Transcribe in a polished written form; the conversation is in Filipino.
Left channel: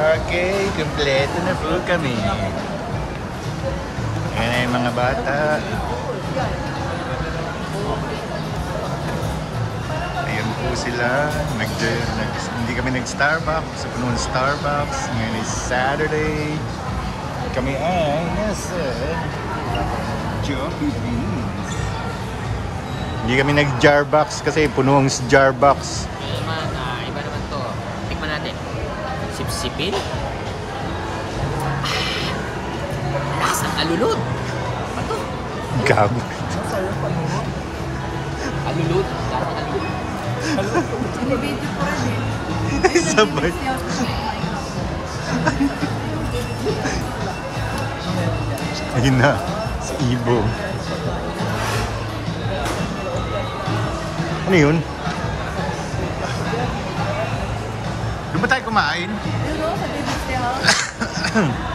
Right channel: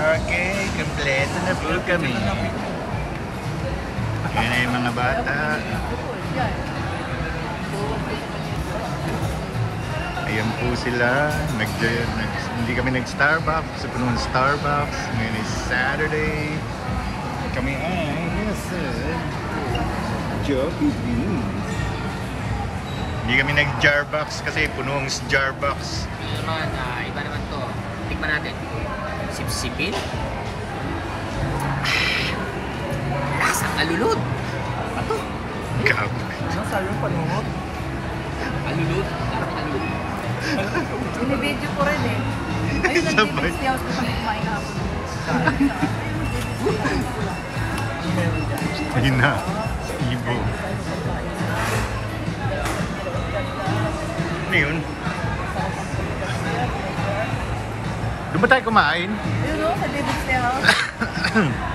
Okay, kompleto na po kami. Ayan na yung mga bata. Ayan po sila. Hindi kami nag-Starbucks. Sa puno ng Starbucks. Ngayon is Saturday. Kami ay nasa Jollibee. Hindi kami nag-Jarbox kasi puno ng Jarbox. Ito naman, iba naman to. Tikman natin. Sipsipin. Lasang alulod. Ano to? Gago. Alulod? Alulod? Binibidyo ko rin eh. Ayun, Sabay. nag-ibig siya ako sa kumain ako. Ayun na. Si Ibo. Ano yun? Doon ba tayo kumain? Ayun o, sa David House.